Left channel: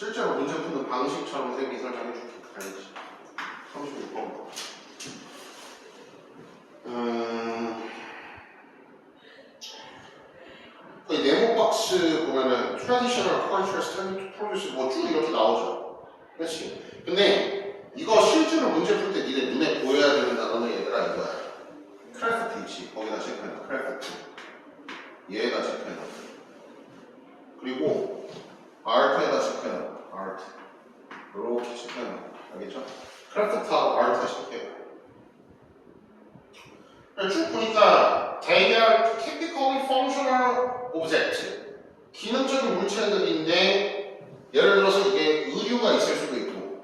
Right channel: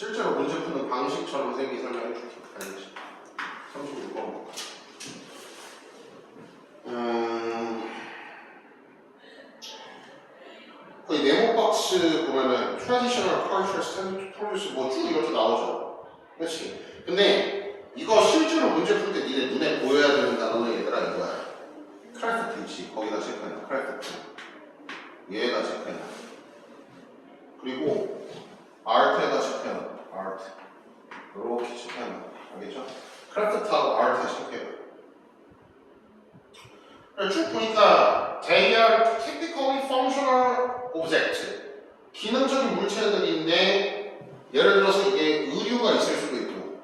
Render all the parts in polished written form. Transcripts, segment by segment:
실제로 문제 푸는 방식처럼 쌤이 설명해 줄게. 알겠지? 35번. 그 네모 박스 보면은 traditional conscious produce 뭐 쭉 이렇게 나오죠. 그렇지? 근데 이거 실제로 문제 풀 때 니네 눈에 보여야 되는 단어는 얘들아 이거야. 크래프트 있지? 거기다 체크해놔. 크래프트. 얘에다 체크해놔. 그리고 art에다 체크해놔. art. 이렇게 체크해놔. 알겠죠? 크래프트하고 art에 체크해놔. 쭉 보니까 they are typically functional object. 기능적인 물체들인데 예를 들어서 이게 의류가 있을 수도 있고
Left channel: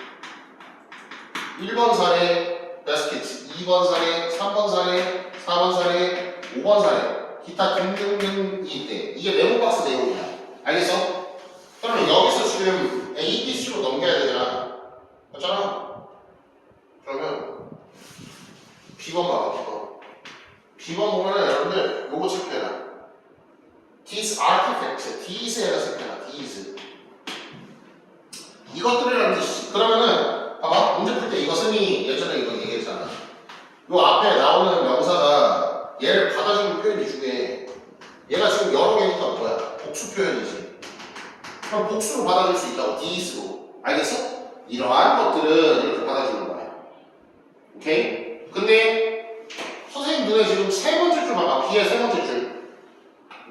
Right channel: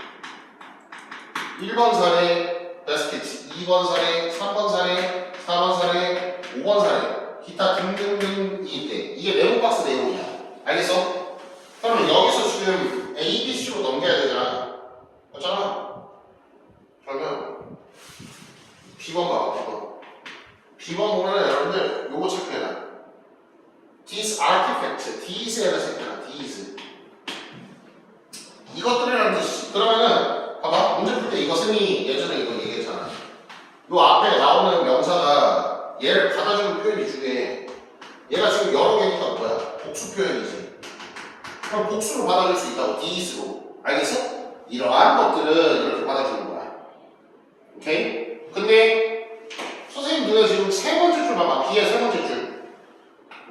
1번 사례 baskets, 2번 사례, 3번 사례, 4번 사례, 5번 사례 기타 등등등이 있대. 이게 메모박스 내용이야. 알겠어? 그러면 여기서 지금 A, B, C로 넘겨야 되잖아. 맞잖아? 그러면 B번 봐봐. B번 보면은 여러분들 요거 체크해라. These artifacts, these에다 체크해라. these. 이것들이라는 뜻이지. 그러면은 봐봐. 문제 풀 때 이거 쌤이 예전에 이거 얘기했잖아. 요 앞에 나오는 명사가 얘를 받아주는 표현이 중에 얘가 지금 여러 개니까 뭐야? 복수 표현이지. 그럼 복수로 받아줄 수 있다고. these로. 알겠어? 이러한 것들은 이렇게 받아주는 거야. 오케이? 근데 선생님 눈에 지금 세 번째 줄 봐봐. B의 세 번째 줄.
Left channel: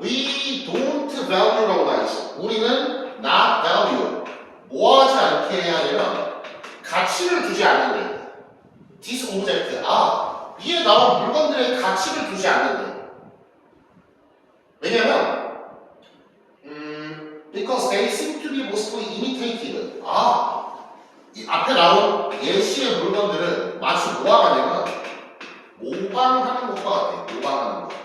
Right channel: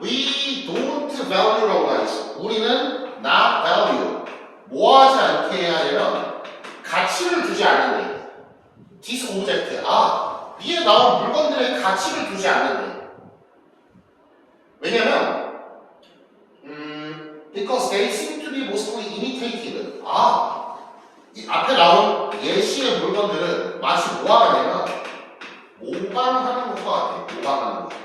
We don't value라고 나와있어. 우리는 not value. 뭐하지 않게 하려면 가치를 두지 않는데. This object. 위에 나온 물건들의 가치를 두지 않는데. 왜냐면 because they seem to be mostly imitated. 이 앞에 나온 예시의 물건들은 마치 뭐하냐면 모방하는 것과 같아. 모방하는 것.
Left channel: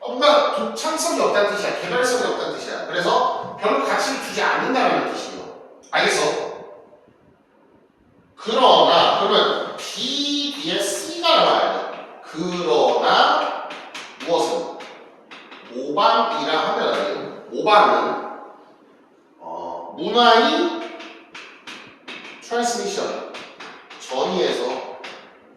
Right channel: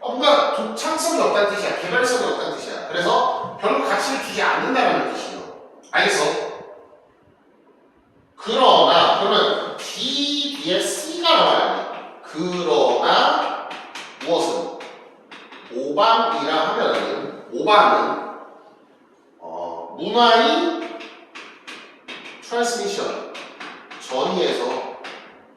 뭔가 독창성이 없다는 뜻이야. 개발성이 없다는 뜻이야. 그래서 별로 가치를 주지 않는다는 뜻이에요. 알겠어? 그러면 D 뒤에 C가 나와야 돼. 그러나 무엇은? 모방이라 하면은 모방은 문화의 트랜스미션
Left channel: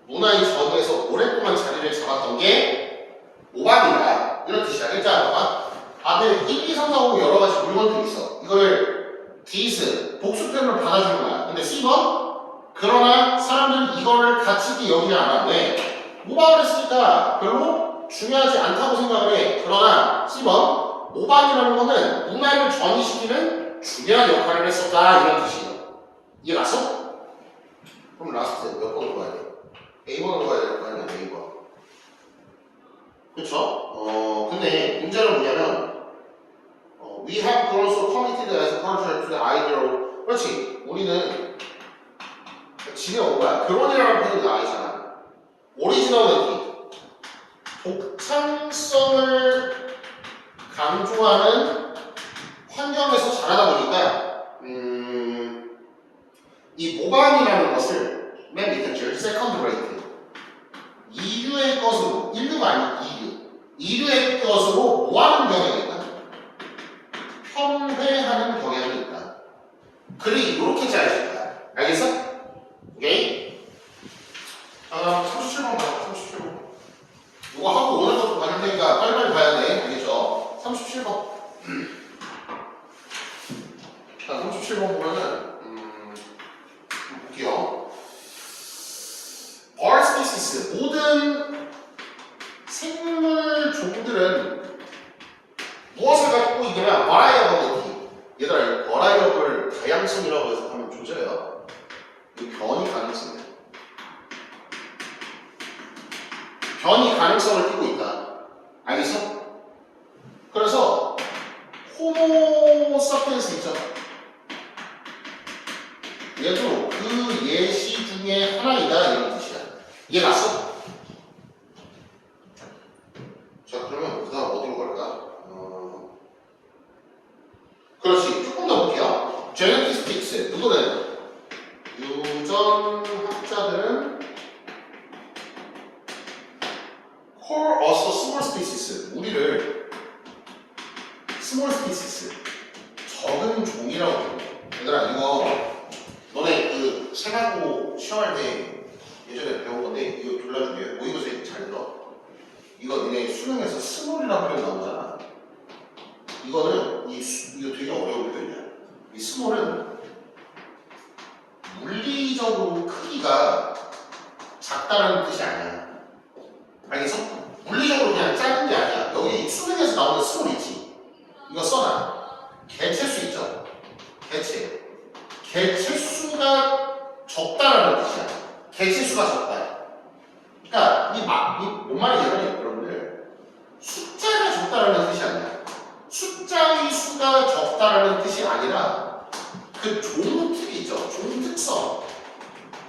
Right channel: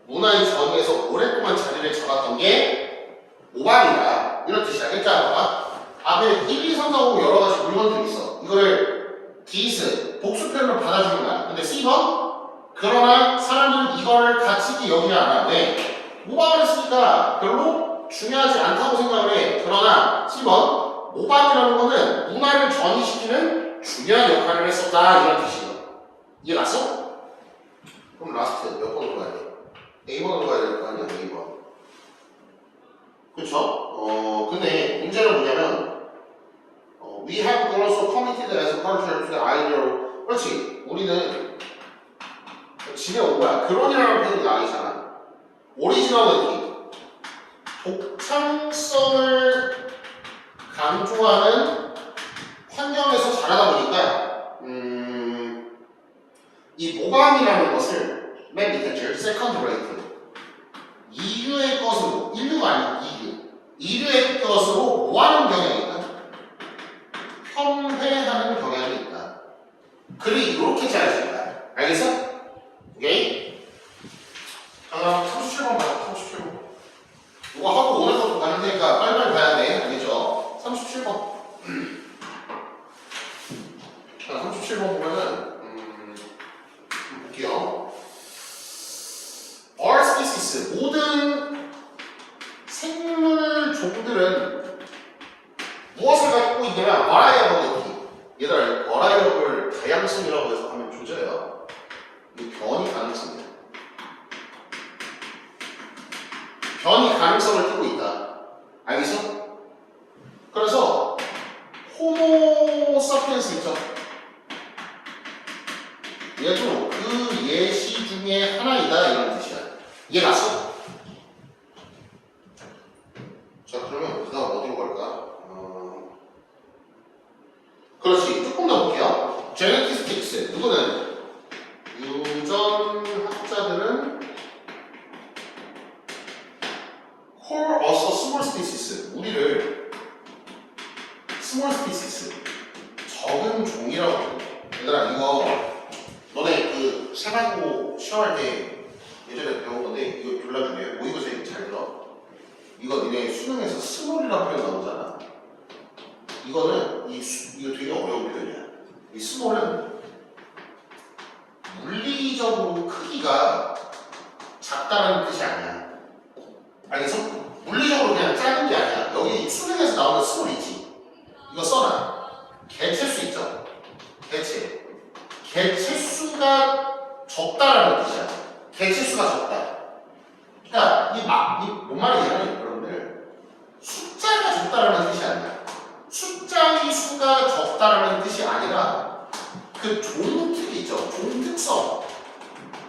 문화의 전이에서 오랫동안 자리를 잡았던 게 모방이다. 이런 뜻이야. 그러니까 봐봐. 앞에 1, 2, 3, 4, 5 여러 가지 물건들이 있어. 이거를 these 복수편으로 받아주는 거야. 근데 C번 그러나 사람들은 이거를 가치 있게 여기지 않아. 왜? 모방을 했으니까 별로 중요하지 않다고 생각을 해. 그러나 C번 모방이라는 거는 문화를 전이시키는 중요한 역할을 했었다. 이런 뜻이에요. 이해 갔어? 그럼 라스트 몇 번으로 가야 돼? A번으로 가야 될 거 아니야? A번. 그쵸? 근데 문제는 뭐냐면 we have also committed as a culture to the ideal. 그렇지. 우리는 집에 온 거야. 결혼이라는 표현이 나와있잖아. 오리지널리티. 독창성을 강조하는 환경에서 자라다 보니까 이 모방이라는 것을 맨 밑에 줄 세컨드 레이트 이류의 것으로 인류가 아니고 이류의 것으로 뭐하는 경향이 있다? 편회하는 경향이 있다. 글이 이렇게 짜여진 거야. 알겠어? 오케이? 37번 봐요. 37번. 이거 하고 오늘부터 가는 테니까 빨리빨리 봐야 돼. 알겠죠? 37번. 자, 37번 보면은 볼게요. All species, 모든 생물 종들은 무엇을 갖고 있냐면 variability. 얘들아, variable 다양성이라고 해서 하면 조져요. 이 변이 가능성이야. 변이 가능성을 띠고 있다. 알겠어? 그래서 호모 사피엔스 있죠? 얘도 그 예시 중에 하나이다 이런 뜻이야. 이해 갔어? 자, 그러면 그 다음 어디로 갈까? 그렇지. 조금 더 볼게요. 제네티스틱스. 누구는? 유전학자들은 call us a small species. 우리를 small species. 적은 종이라고 부르네. 얘들아 이거 너네 그 세가지고 시험할 때 예전에 배운 건데 이거 골라주게. 모의고사에 잘 들어. 이거 니네 수능에서 스몰이라는 표현 나오잖아. 이거는 이거 되게 어려운 표현이야. 이 스몰은 물리적으로 크기가 작다는 뜻이 아니야. 알겠어? 물리적으로 그냥 작은 게 아니야. 여기 수능에서 나오는 스몰이지. 이거 써놔. 개체수 있죠? 개체. 개체수가 적다라는 뜻이야. 개체수가 적다. 그러니까 뭔 말이냐면 여러분들 숫자가 적다라는 뜻이 아니야. 숫자의 수가 적다라는 뜻이 아니라 그 종특 있죠. 종특성.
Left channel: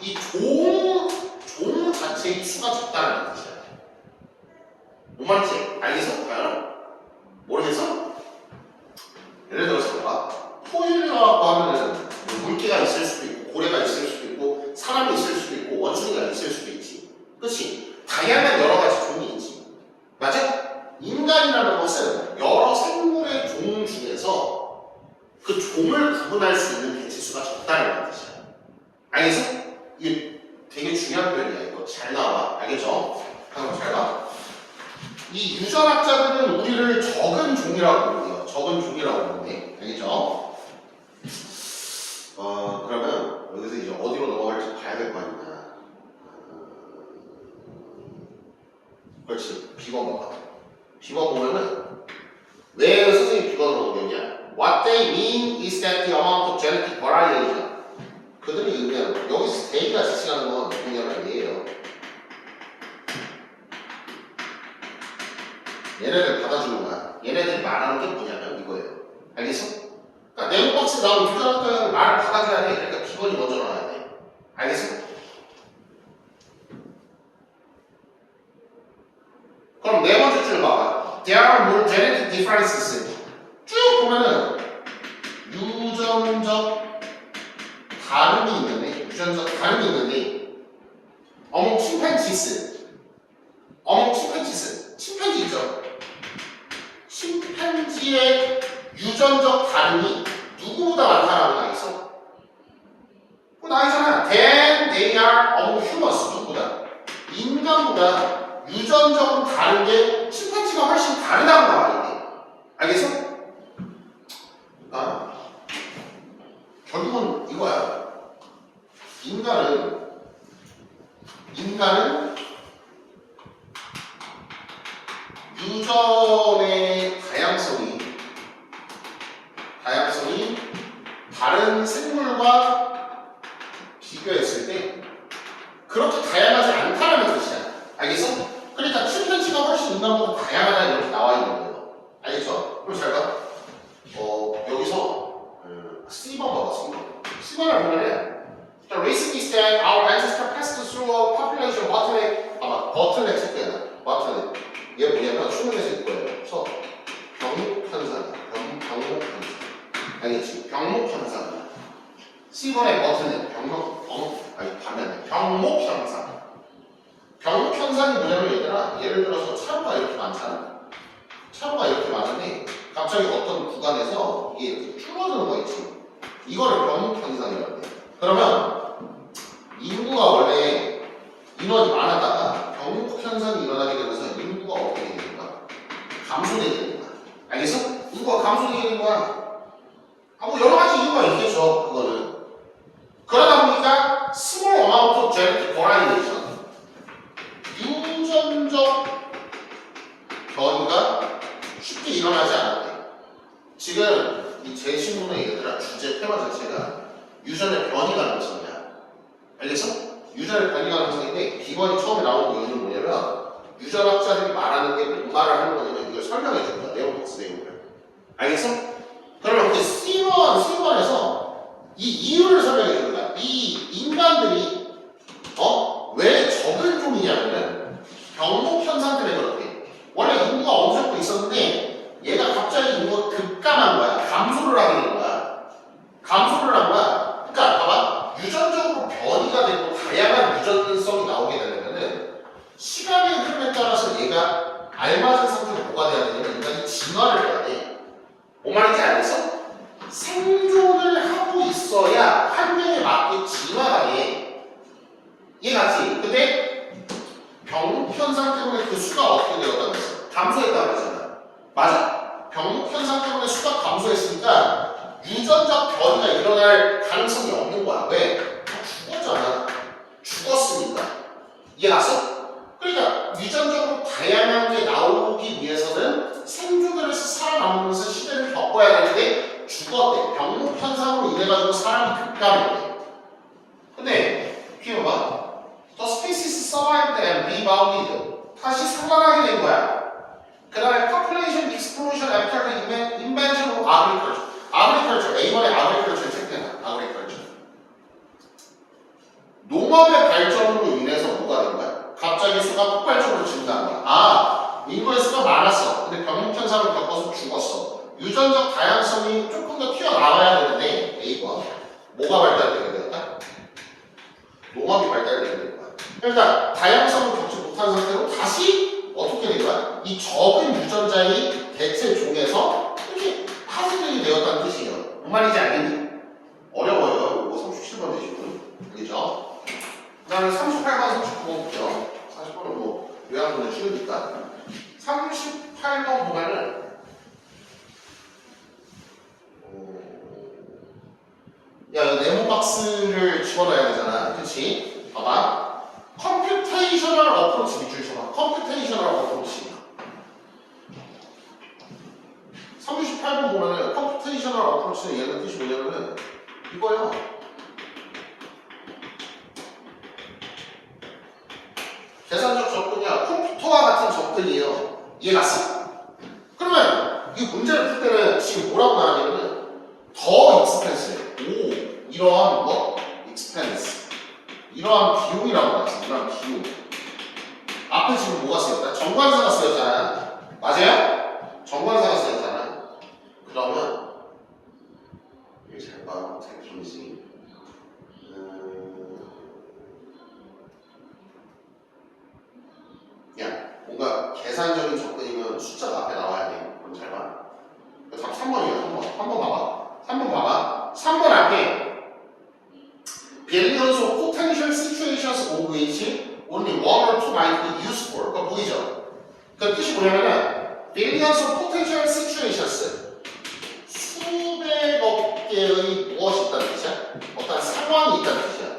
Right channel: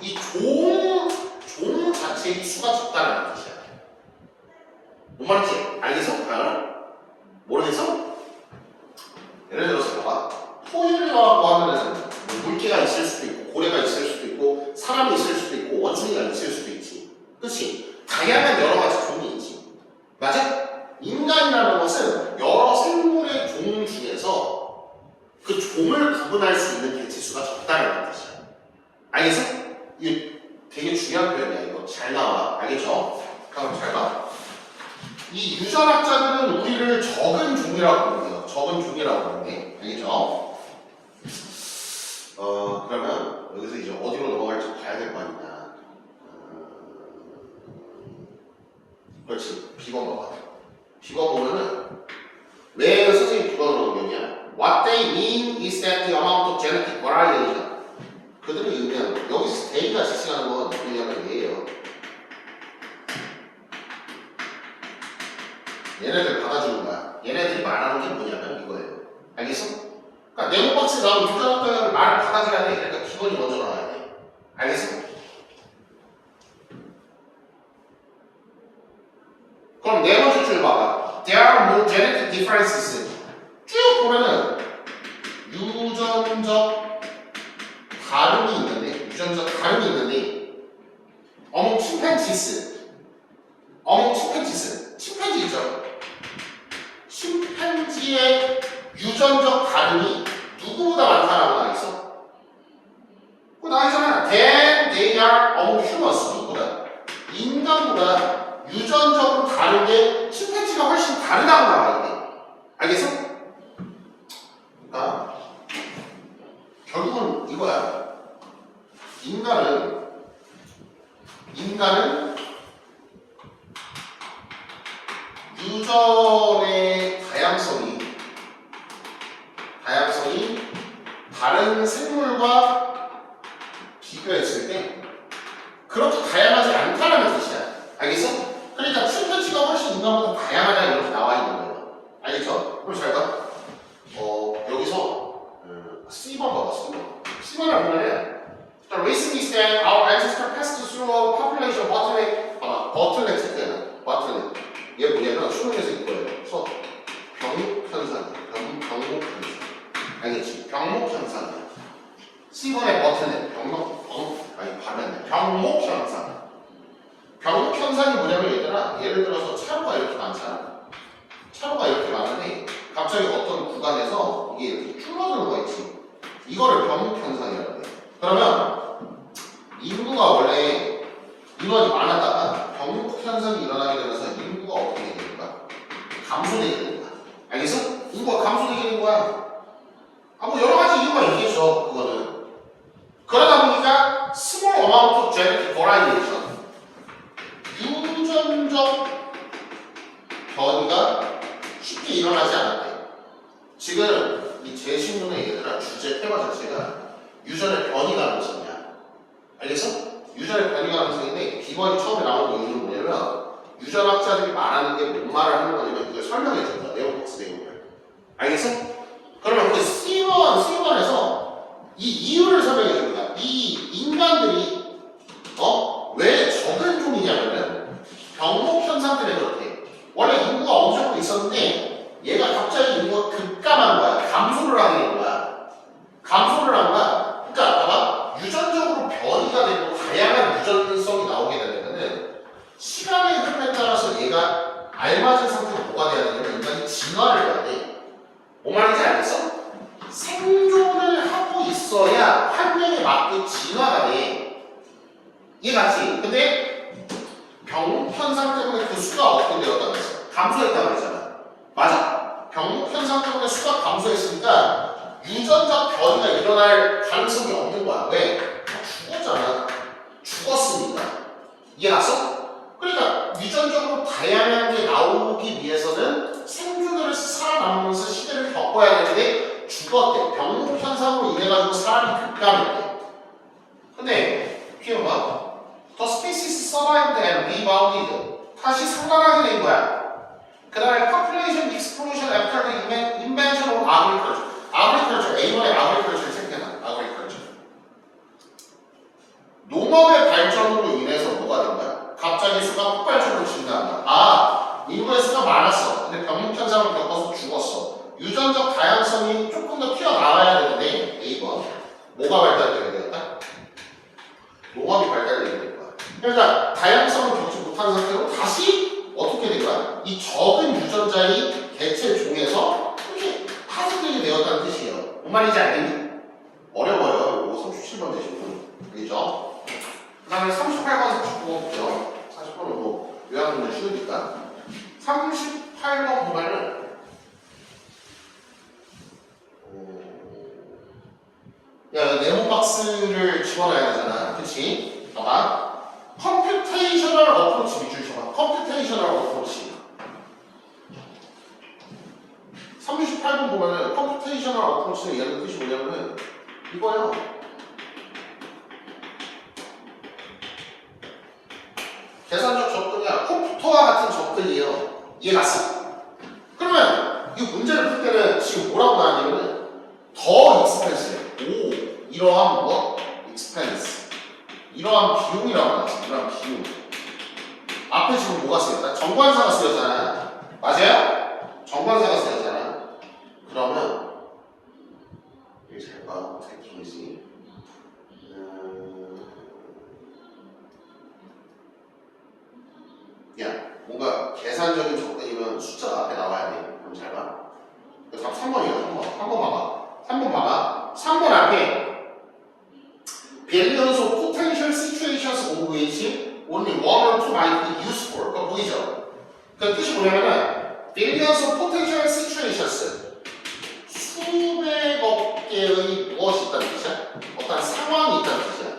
이 종 자체의 수가 적다라는 뜻이야. 뭔 말인지 알겠어? 모르겠어? 예를 들어서 봐봐. 토일이라고 하면은 물개가 있을 수도 있고 고래가 있을 수도 있고 사람이 있을 수도 있고 원숭이가 있을 수도 있지. 그렇지? 다양한 여러 가지 종이 있지. 맞아? 인간이라는 것은 여러 생물의 종 중에서 그 종을 구분할 수 있는 개체수가 적다라는 뜻이야. 알겠어? 이게 되게 중요한 표현이야. 이거 잘 나와. 알겠죠? 그럼 잘 봐. 이 유전학자들은 우리를 적은 종이라고 부르고요. 적은 종이라고 부르는데, 알겠죠? 그러면 여기서 이제 어디로 넘어갈지 봐야 될 거 아니냐. 그렇지. B번 봐봐. B번 보면은 왜 선생님 B번으로 보겠냐? What they mean is that the amount of genetic variation. 그들이 의미하는 여기서 A가 지칭하는 건 뭐냐면 얘예요. 얘네들 받아주는 거야. 얘네들이 말하는 게 뭐냐면 이거예요. 알겠어? 그러니까 네모박스에 나오는 유전학자를 말을 받아줘야 돼. 그러니까 B번이 먼저 나와야 돼. 알겠어? 그럼 네 번째 줄 봐봐. There are more genetic differences. 쭉 보면은 유전적 다름이 있는데 among chimpanzees. 침팬지 있죠? 침팬지의 유전적 다름이 누구보다 많다라고 나와있어? 그거 나와있잖아. Then they are among humans. 누구보다? 인간보다 유전적으로 다른 게 침팬지가 훨씬 다르다고 나와있네. 알겠어? 그러니까 결국은 이거야. 인간은 유전의 다양성이 다른 생물과 비교했을 때 그렇게 다양하지 않다는 뜻이야. 알겠어? 그러니까 침팬지가 훨씬 인간보다 다양하다 이렇게 나와 있는 거예요. 알겠죠? 그럼 잘 봐. 여기서 C번 봐봐. C번을 보면은 The reason is that our ancestor passed through a population bottleneck. bottleneck 체크해놔. bottleneck. 얘 뭐냐면 수능에서 이거예요. 그래서 병목현상. 알겠지? 병목현상이야. C번의 bottleneck. 병목현상. 병목현상이 뭐냐면 얘들아, 예를 들어서 차로가 이렇게 많잖아. 차로가 이렇게 많은데 갑자기 어떤 구간에서 이게 이렇게 줄어드는 거 있지. 이거를 병목현상이라고 해. 그러면 인구가 원래 인원이 많았다가 병목현상이 일어나게 되면서 인구가 어떻게 되는 거야? 감소되게 되는 거야. 알겠어? 인구가 감소되게 되는 거야. 뭐 여러 가지 이유가 있겠죠. 그거는. 그러다 보니까 small amount of genetic variation. 유전적 변이가 쉽게 일어나지 않았대. 지금 이 제시문의 얘들아 주제 테마 자체가 유전의 변이 가능성이야. 알겠어? 유전의 변이 가능성인데 B번이 처음에 나온 이유는 뭐냐면 유전학자들이 말하는 게 뭔 말을 하는 거냐면 이걸 설명해 준 거야. 네모박스 내용을. 알겠어? 그러면 그 C번에서 이 이유를 설명해 준 거야. 이 인간들이 왜 적은 종이냐면 병목현상 때문에 그렇대. 원래 인구가 어느 정도 있었는데 얘가 갑자기 인구가 급감한 거야. 감소를 하게 된 거야. 그러니까 봐봐. 유전적으로 변이가 되고 다양한 유전성이 나오게 되면은 시간의 흐름에 따라서 얘가 알맞은 상태로 보관돼야 되면 인간이 진화를 해야 돼. 뭔 말인지 알겠어? 생존을 하고 있어야 환경에 맞게 진화가 돼. 이해갔지? 근데 병현상 때문에 그 수가 어떻게 되었다고 했어? 감소했다고 했잖아. 맞아? 병현상 때문에 수가 감소했으니까 유전자 변이가 일어날 가능성이 없는 거야. 왜? 죽었잖아. 죽었으니까. 이해갔어? 그러니까 유전적으로 다양한 게 나오기 위해서는 생존을 해서 살아남으면서 시대를 겪어야 되는데 죽었대. 병 현상으로 인해가지고 사람이 급감했대. 근데 뒤에 봐. The species survived and rebounded. 다시 살아나게 된 거야. 그 다음에 population explosion after the invention of agriculture. agriculture, A번에 agriculture 체크해놔. agriculture. 농업의 발전으로 인해서 뭐가 된 거야? 갑자기 수가 폭발적으로 증가한 거야. 아, 인구의 수가 많았어. 근데 병력 현상을 겪어서 죽었어. 유전적 다양성이 조금 더 튀어나와야 되는데 A번. 뭐가 발달되게 될까? 농업이 발달되게 된 거야. 그러니까 다양성을 겪지 못한 상태로 다시 어떻게 된 거야? 이 적은 유전자의 개체 종에서 이렇게 파생되게 되었다는 뜻이에요. 뭔 말인지 알겠니? 어려워요. 이거 37번 되시고. 알겠죠? 그 다음에 38번, 39번 보죠. 40번은 뭐 요양분들 쉬우니까. 38번 보면은 야, 네모 박스를 집어넣어야 되잖아. 그치? 봐봐. 컴퓨테이셔널 어프로치 밑줄 쳐봐. 컴퓨테이셔널 어프로치. 38번 보면은 컴퓨테이셔널 어프로치는 얘는 뜻이 뭐냐면은 이거야. 계산적 접근이야. 컴퓨터와 같은 접근이에요. 이해갔어? 그러면 이 문제를 풀 때는 지금 뭐라고 나왔냐면은 더 익스펜스해. 오, 이러한 뭐? 익스펜스. 이러한 비용이라고 나왔어. 이러한 비용. 앞에 지금 뭐가 쓰였다? 정관사가 쓰였잖아. 맞아요? 정관사가 쓰였잖아. 그러면 여기 잘 봐. 테크니지. 야, 뭔가 계산적인 접근이면 숫자가 앞에 나와야 돼. 그럼 잘 봐. 답 3번이야, 3번. 3번 봐봐. 3번 봐봐. 3번 앞에 billions of potential situations of which only one or two might be useful. 그거 보이죠? 그 뜻이 뭐냐면은 billions of potential situations 수백억 개의 무엇이 있다는 뜻이야? 어떤 상황이 있다는 뜻이야.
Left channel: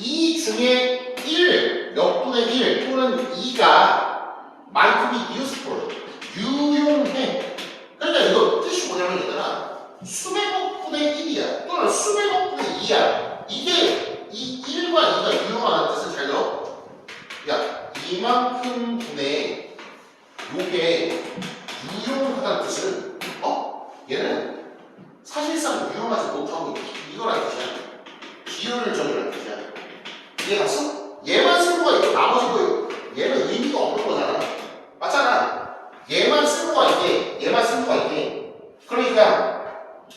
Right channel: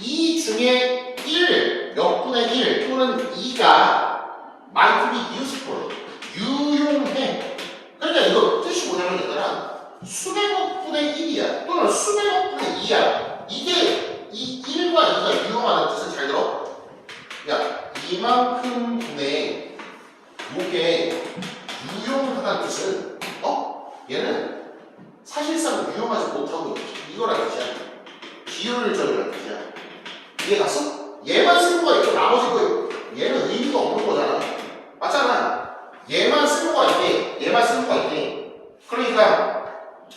이 중에 1, 몇 분의 1 또는 2가 might be useful. 유용해. 그러니까 이거 뜻이 뭐냐면 얘들아 수백억 분의 1이야 또는 수백억 분의 2야. 이게 이 1과 2가 유용하다는 뜻은 잘 들어. 야, 이만큼 분의 요게 유용하다는 뜻은 얘는 사실상 유용하지 못하고 이거라는 뜻이야. 비효율적이라는 뜻이야. 이해갔어? 얘만 쓰는 거야. 이거 나머지 거 얘는 의미가 없는 거잖아. 맞잖아. 얘만 쓰는 거야 이게. 얘만 쓰는 거야 이게. 그러니까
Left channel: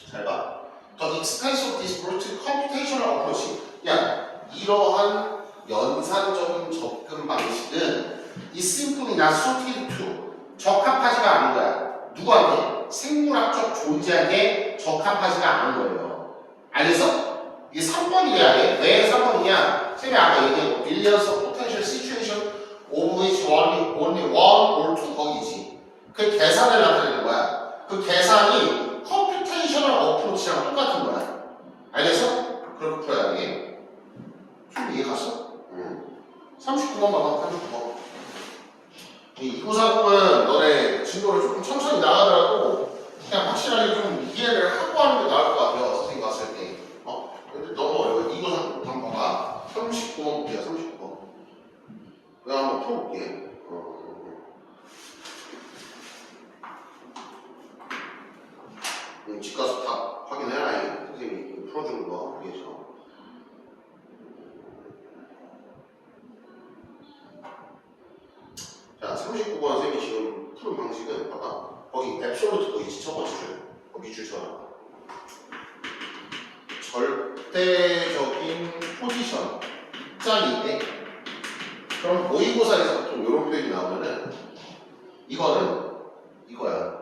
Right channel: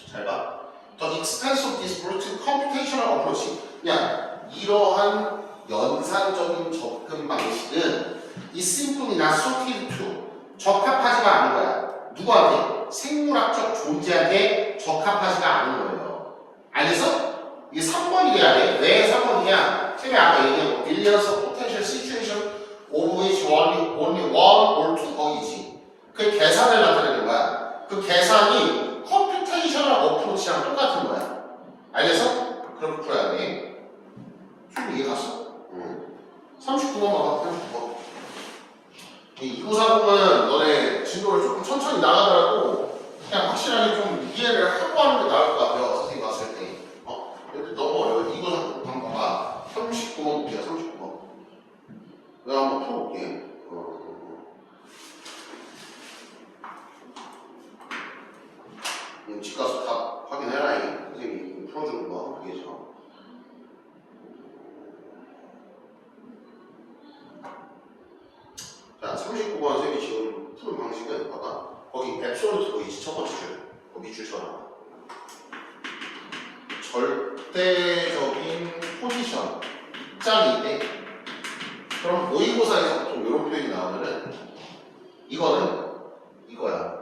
잘 봐. The expense of this brute computational approach. 그냥 이러한 연산적인 접근 방식은 is simply not suited to. 적합하지가 않은 거야. 누구한테? 생물학적 존재한테 적합하지가 않은 거예요. 알겠어? 이게 3번이 돼야 돼. 왜 3번이냐? 쌤이 아까 얘기했고 billions of potential situation of which only one or two 거기지. 그 계산을 나타내는 거야. 그 계산이 컴퓨테이셔널 어프로치랑 똑같은 거야. 알겠어? 그렇게 풀어야 돼. 좀 이해 갔어? 39번 봐봐. 39번. 이 293은 너네 진도를 조금 천천히 나가더라도 그냥 확실하게 좀 이해를 하고 하는 게 나을 것 같아요. 어떻게 봤을 때. 근데 너무 어려워. 293 한번 봐봐. 39번 볼게요. 39번. 내가 한번 풀어볼게. 집 가서 다 확인해라. 선생님이 풀어주는 거. 알겠죠? 자, 39번 선생님이 지금 푸는 방식은 봐봐. 거기 앱솔루트 보이지? 첫 번째 줄. 밑줄 쳐라. 절대적인 포지션. 입장인데 그럼 모의고사에서 보통 이런 표현이 나오면은 이거는 이거야.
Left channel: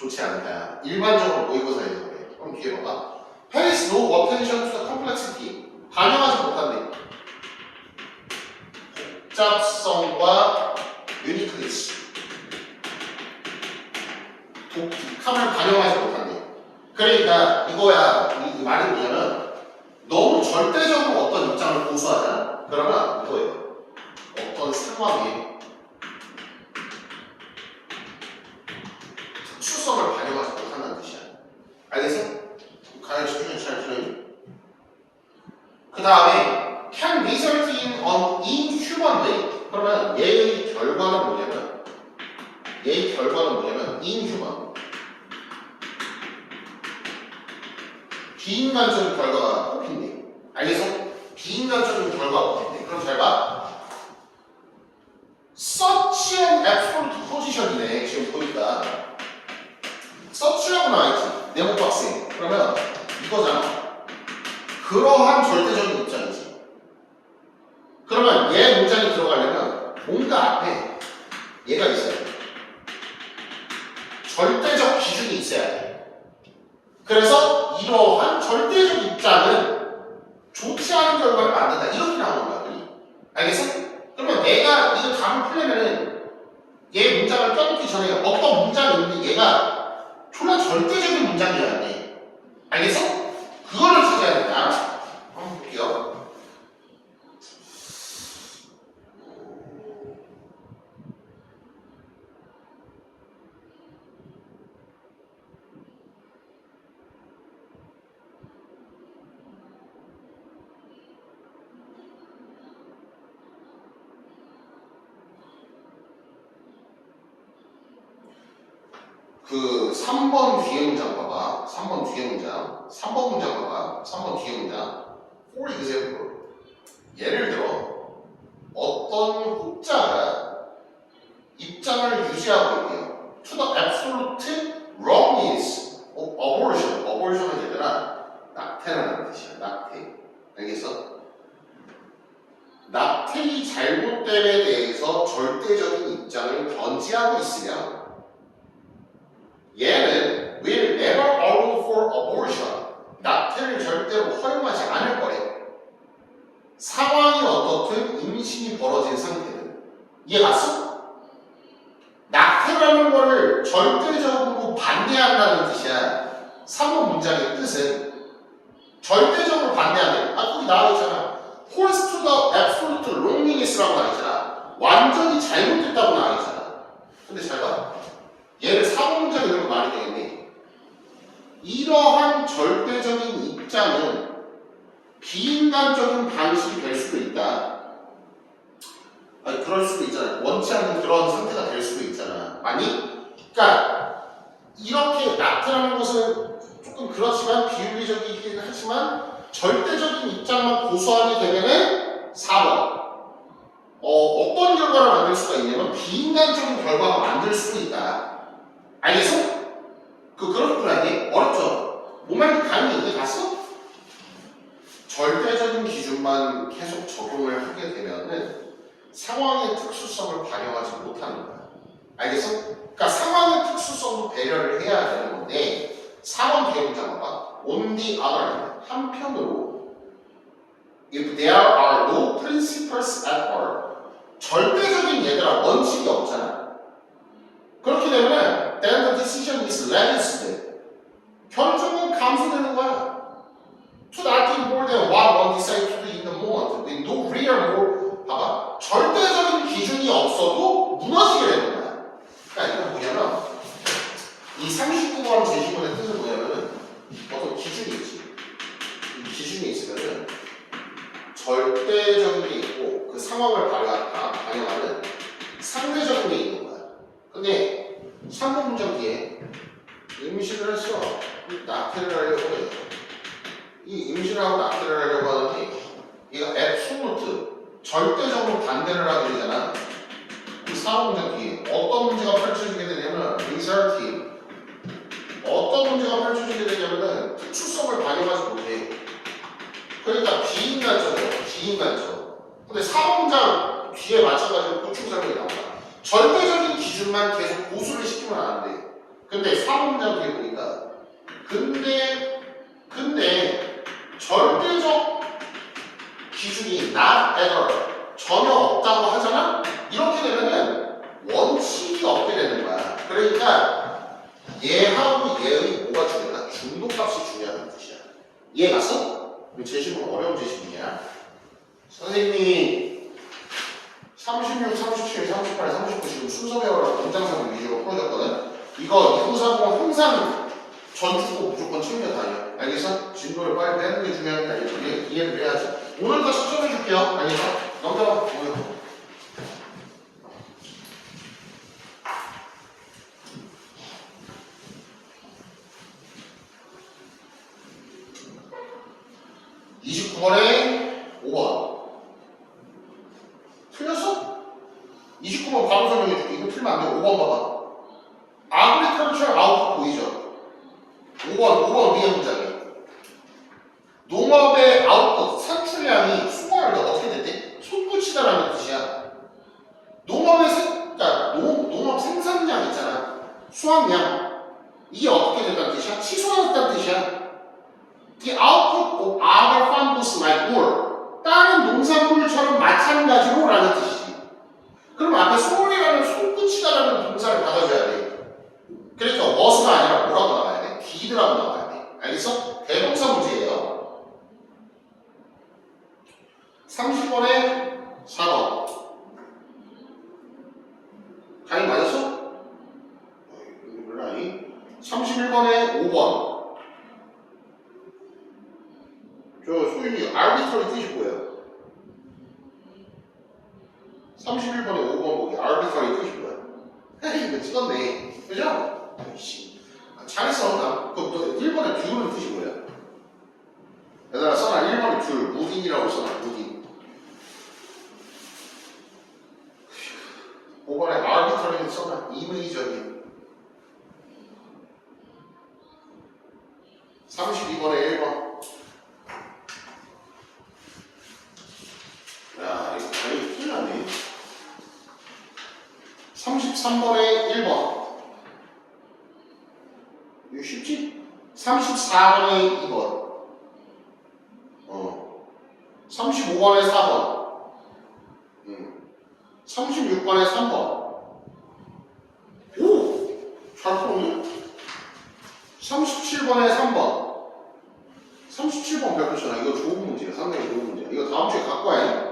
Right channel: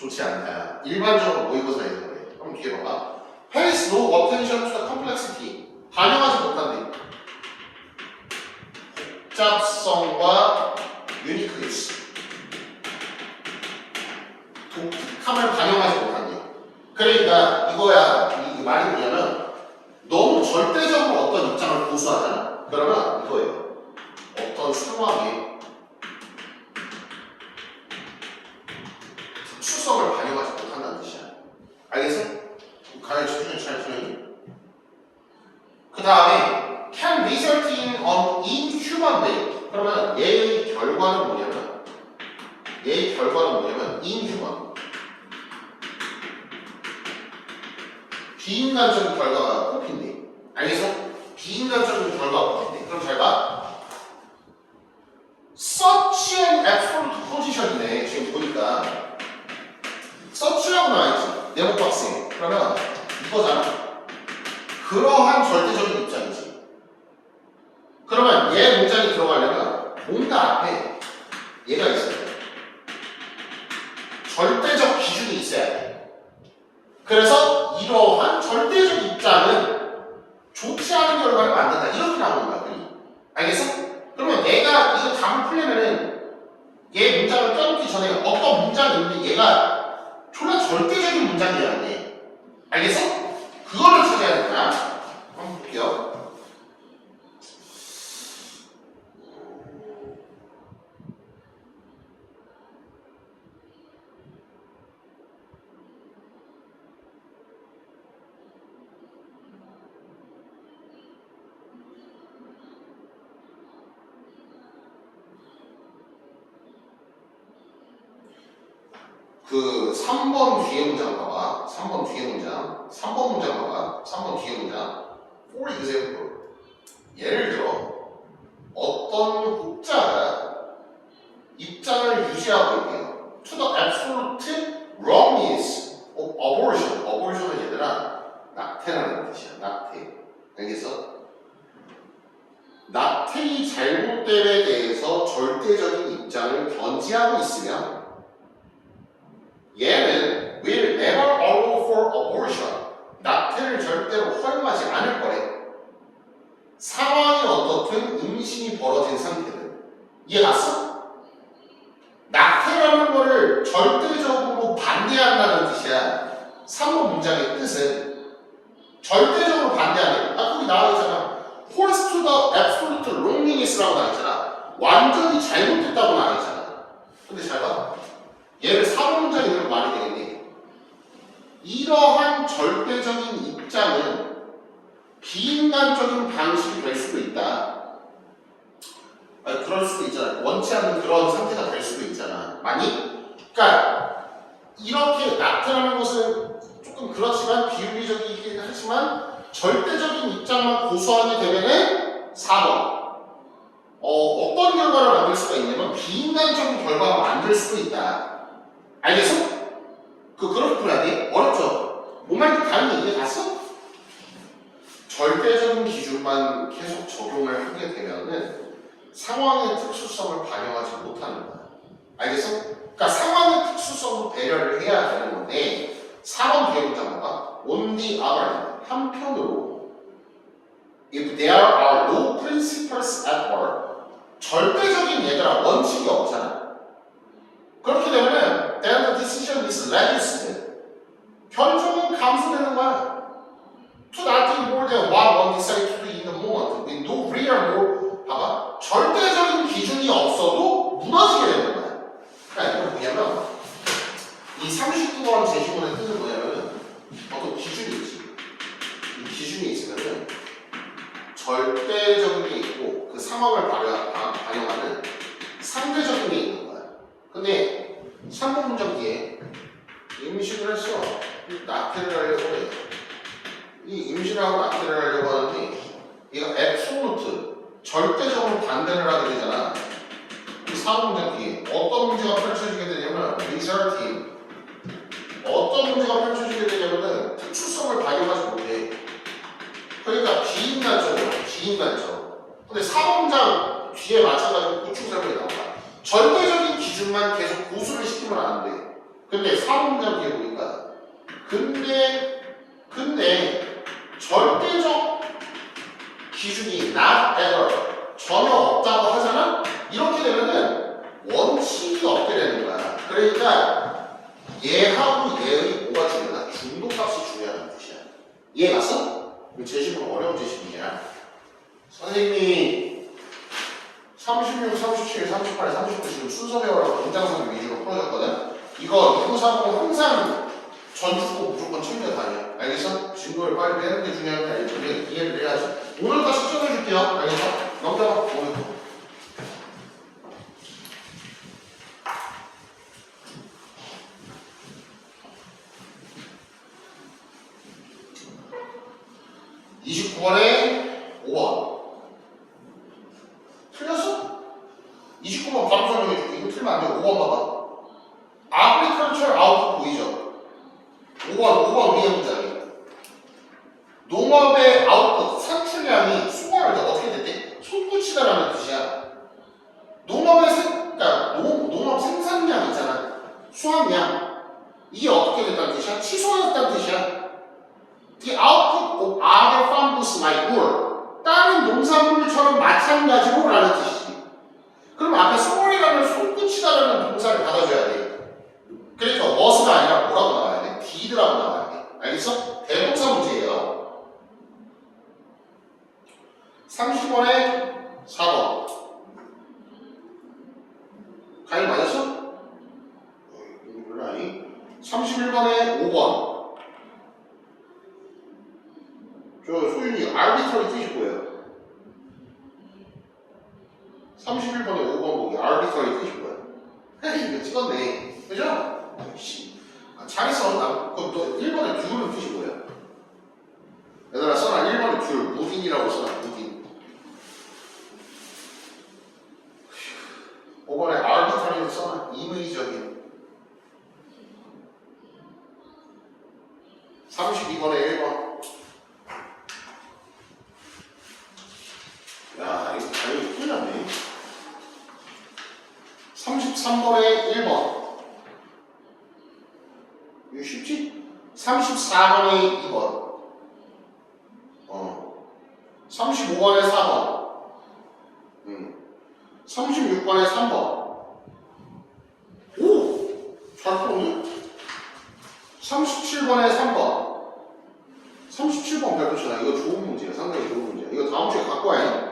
좋지 않다. 일반적으로 모의고사에서 그래. 그럼 뒤에 봐봐. Pays no attention to the complexity. 반영하지 못한대. 복잡성과 uniqueness. 독특함을 반영하지 못한대. 그러니까 이거야. 이 말이 뭐냐면 너무 절대적으로 어떤 입장을 고수하잖아. 그러면 이거예요. 어떤 상황에 특수성을 반영하지 못한다는 뜻이야. 알겠어? 가만히 집중해 잘 들으니? 그 다음에 can result in an inhuman way. 그러면 얘의 결과는 뭐냐면 inhuman. 비인간적인 결과가 뽑힌대. 알겠어? 비인간적인 결과가 뽑힌대. 그럼 잘 봐. Such an absolute position이네. 지금 보니까 such라고 나와있지. 네모도 학생. 그러면 이거잖아. 그러한 절대적인 입장이지. 그러면 얘 문장이 들어가려면 뭔가 앞에 얘가 있어야 돼. 절대적 기준이 있어야 돼. 그래서 이러한 절대적 입장은 좋지 않은 결과를 만든다. 이렇게 나오는 거야. 알겠어? 그러면 내가 이거 답을 풀려면은 얘 문장을 껴놓기 전에 어떤 문장이 있는데 얘가 졸라 절대적인 문장이어야 돼. 알겠어? 그거를 찾아야 된다. 한번 볼게요. 그 3번 뒤에 문장 봐봐. 3번 뒤에 문장. 3번 문장 봐봐. 3번 뒤에 문장. For example. 예를 들어 어떤 혹자가 입장을 유지하고 있대요. To the absolute wrongness of abortion. abortion은 얘들아 낙태라는 뜻이야. 낙태. 알겠어? 낙태의 잘못됨에 대해서 절대적인 입장을 견지하고 있으면 얘는 will never allow for abortion. 낙태를 절대로 허용하지 않을 거래. 상황이 어떻든 임신이 벌어진 상태는. 이해 갔어? 낙태라는 거를 절대적으로 반대한다는 뜻이야. 3번 문장의 뜻은 절대적으로 반대하는. 거기 나와 있잖아. Holds to the absolute wrongness라고 나와 있잖아. 완전히 잘못됐다고 나와 있잖아. 근데 잘 봐. 얘를 4번 문장이 그런 말이 되겠네. 이러한 절대적인 입장은 비인간적인 방식이 될 수도 있다. 아니, 그럴 수도 있잖아. 원치 않는 그런 상태가 될 수도 있잖아. 아니? 그러니까 이렇게 낙태라는 것은 조금 그렇지만 비윤리적이긴 하지만 절대적인 입장만 고수하게 되면은 4번. 어떤 결과를 만들 수가 있냐면 비인간적인 결과가 만들 수도 있다. 알겠어? 그렇구나. 어렵죠? 뭔 말인지 감이 이해 갔어? 절대적인 기준만 계속 적용을 하게 되면은 상황의 특수성을 반영하지 못하는 거야. 알겠어? 그러니까 상황의 특수성도 배려를 해야 되는 건데 4번 뒤에 문장 봐봐. On the other hand, 한편으로 if there are no principles at all, 절대적인 얘들아 원칙이 없잖아. 그렇게 되면은 then the decision is reduced. 결정은 감소되는 거야. To nothing more than what one decides to do in the moment. With no real more. 봐봐. 절대적인 기준이 없어도 무너지게 되는 거야. 그러니까 이건 뭐냐면 이 39번 제시문의 뜻은 뭐냐면은 어떤 기준이 있지. 이 기준이 있으면은 절대적인 게 있고 그 상황을 반영하는 상대적인 게 있는 거야. 근데 3번 문장 뒤에 임신을 했어. 낙태를 하려고 해. 이 임신하고 낙태를 하려고 하더니 얘가 앱솔루트 절대적으로 반대를 하게 되잖아. 이 4번 문장 뒤에 어떤 문제가 펼쳐지게 되냐면 리설팅. 어떤 문제가 펼쳐지게 되냐면은 특수성을 반영하지 못해. 그러니까 비인간적. 근데 4번 문장 뒤에 마찬가지로 구축 설명이 나온다. 절대적인 기준만 계속 고수를 시키면 안 돼. 근데 4문장 뒤에 보니까 근데 절대적 기준이 not ever 전혀 없다고 하잖아? 이렇게 되면은 원칙이 없게 되는 거야. 그러니까 얘하고 얘의 뭐가 중요하다? 중도값이 중요하다는 뜻이야. 이해 갔어? 그럼 제시문 어려운 제시문이야. 선생님이 36, 37, 38, 39 지금 순서 배우라고 공장선 위주로 풀어줬거든? 이거 2940 항상 전주고 무조건 챙겨 다녀. 알겠어? 진도를 빨리 빼는 게 중요하니까 이해를 해야지. 오늘 다시 써줄게요. 알겠어? 넘겨봐. 오늘. (29번에) 5번 틀렸어? 29번 바로 설명해줄게. 이거 틀리면 안 돼. 5번 봐봐. agriculture output 보이죠? 5번 위에 문장이 농업의 아웃풋 산출량이 수거할 때 어떻게 됐대? 솟구치다라는 뜻이야. 그러니까 농업 생산량 있잖아. 수확량 이게 어떻게 됐다는 뜻이야? 취소했다는 뜻이야. The output of other farms like wool 다른 농산물처럼 마찬가지로 라는 뜻이지. 그럼 앞에 소홀이라는 솟구치다라는 동사를 받아줘야 돼. 그러니까 was가 아니라 뭐라고 나와야 돼? did라고 나와야 돼. 알겠어? 대동사 문제예요. 30번에 4번 가위 맞았어? 별로 아니? 31번에 5번 저 소윤이 arbitrary 뜻이 뭐예요? 31번에 5번 보기 arbitrary 뜻이 뭐예요? 이거 찍었네. 그죠? 잘했어. 나 그 1번에 듀는 뜻이 뭐예요? 얘들아 써놔. 1번에 듀 무딘이라고 써놔. 무딘. 5번에 arbitrary 써놔. 임의적인. 32번에 1번. 야, 이거 당연히 틀렸네. 33번에 1번. 이거 쉽지? 34번에 2번. 35번에 4번. 36번에 3번. 오! 잘 풀었네? 37번에 3번. 37번 배웠잖아. 이거 좋은 문제야. 상당히 좋은 문제야. 이거 다음 주에 갖고 와야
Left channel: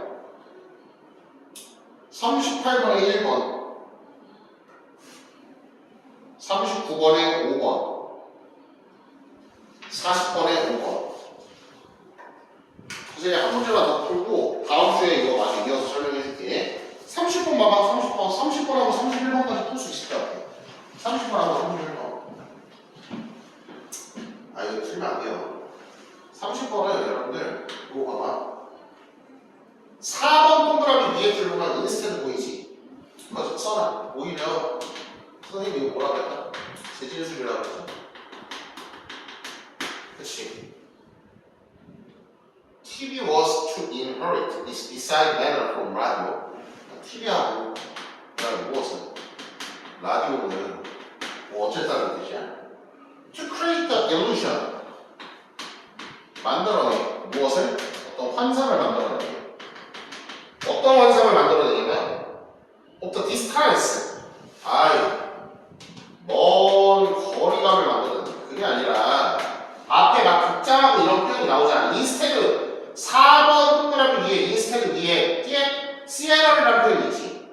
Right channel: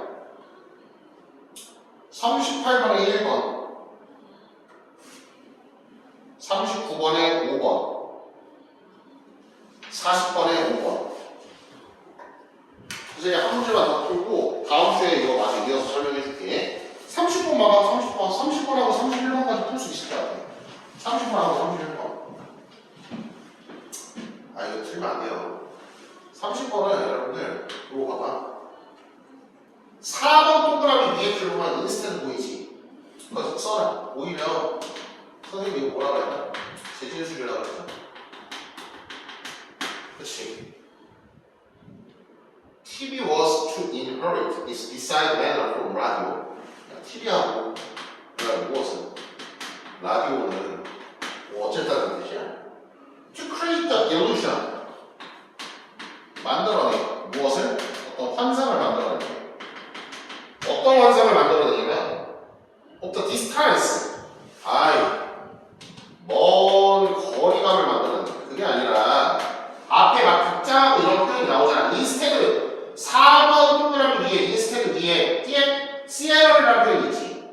38번에 1번. 39번에 5번. 40번에 5번. 이제 한 문제만 더 풀고 다음 주에 이거 마저 이어서 설명해 줄게. 30번 봐봐. 30번하고 31번까지 풀 수 있을 것 같아. 30번하고 31번. 아 이거 틀리면 안 돼요. 30번은 여러분들 이거 봐봐. 4번 동그라미 위에 들어간 인스테드 보이지? 그거 써놔. 오히려 선생님이 이거 뭐라고 했나? 재진술이라고 했잖아. 그치? TV was to inherit its beside matter from radio. TV하고 그다음에 무엇은? 라디오는 뭐 어쨌다는 뜻이야? To create the illusion. 만들어내. 무엇을? 어떤 환상을 만들어내. 어떤 환상을 만들어내냐면 of the distance. 먼 거리감을 만들어내. 그게 아니라 앞에 막 극장하고 이런 표현이 나오잖아. 인스테드 4번 동그라미 위에 인스테드 위에 시에러라는 표현이 있지.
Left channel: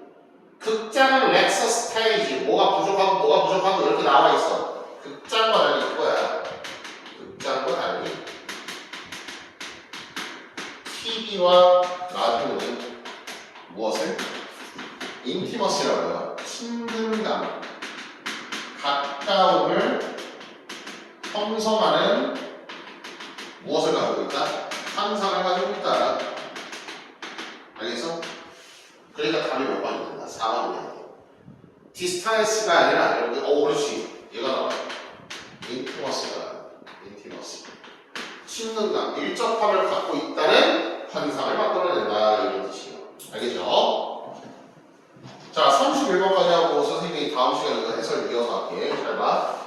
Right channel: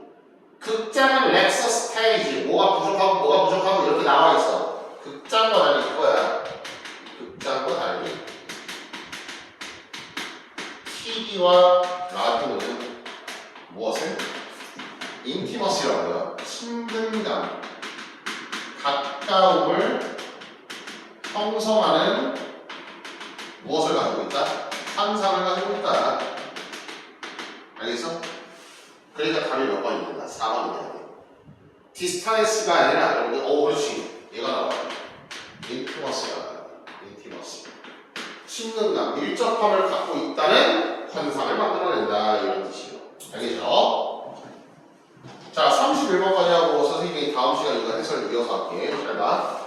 극장은 렉서 스테이지 뭐가 부족하고 이렇게 나와 있어. 극장과 달리 이거야. 극장과 달리 TV와 라디오는 무엇을? 인티머시라고요. 친근감, 가까움을 형성하는 무엇을 가지고 있다? 환상을 가지고 있다. 알겠어? 그러니까 답이 몇 번이 된다? 4번이 된다. 디스타이스가 아니라 여러분들 그렇지. 얘가 나와요. 인티머스가 나와요. 인티머스. 친근감, 밀접함을 갖고 있다는 환상을 만들어낸다. 이런 뜻이에요. 알겠죠? 자, 31번까지 하고 선생님 선생님이 다음 시간 이거 해설 이어서 할게. 잘 봐.